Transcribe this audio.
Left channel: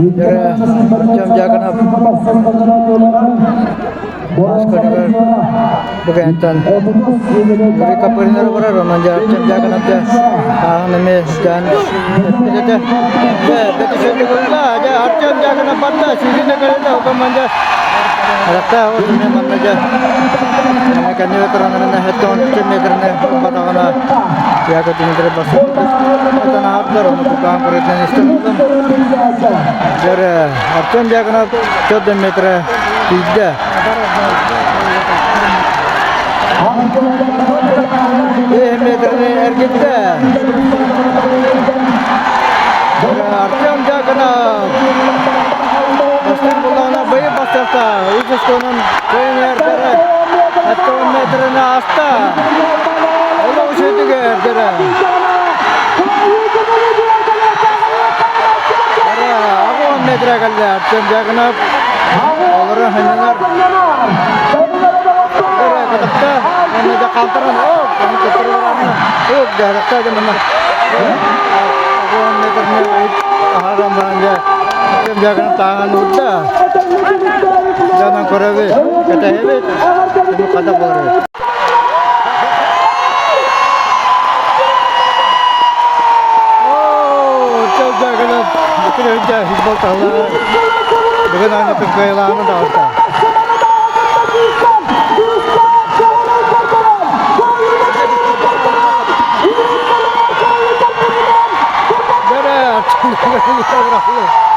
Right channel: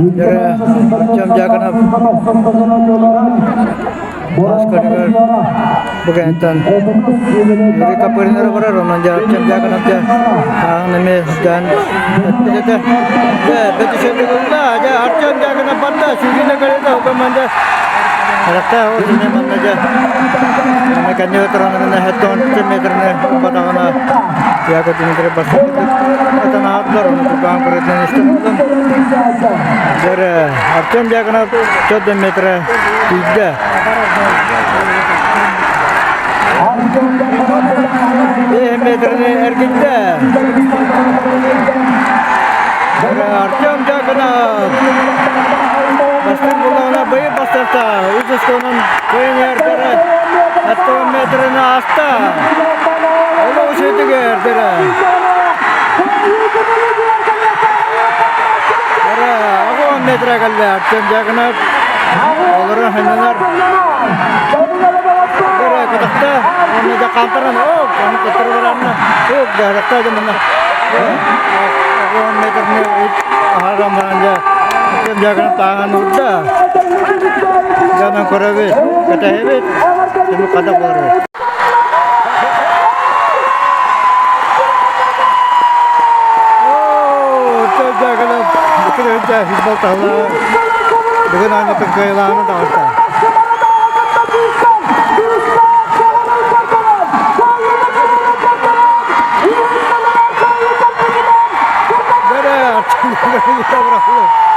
Artyom Jaganov Askarigar Bugentan Yuri Kapurinar barar onun Artyom Jaganov da neme dan epidete beti şöyle aja Artyom Jaganov batta şurine göre de hukumanda rakta o dunya mannaja neme kanyo toranana heton metrne batagana ya ko dintre basu etan atlar onu काम करते हैं इस्तेमाल जर Artyom Jaganov 14 metre तीजा ये metre ने ergitta जर Artyom Jaganov basket bulana bayı bastırsa uzastonun koyun yerlere 10 metre ne hasta ola o şeyde gerdir metre kaldı Artyom Jaganov onların hanımlar böyle kadakta onu da kantaran o onu tuttururanlar o kadakta zamanla o metre ne haram bence Artyom Jaganov tangan udda jangan korabe kata evet cuma kadak korabe Artyom Jaganov kerja hibal tahu dengan hanya kekehilangan tahu tak. Berat, kita berapa?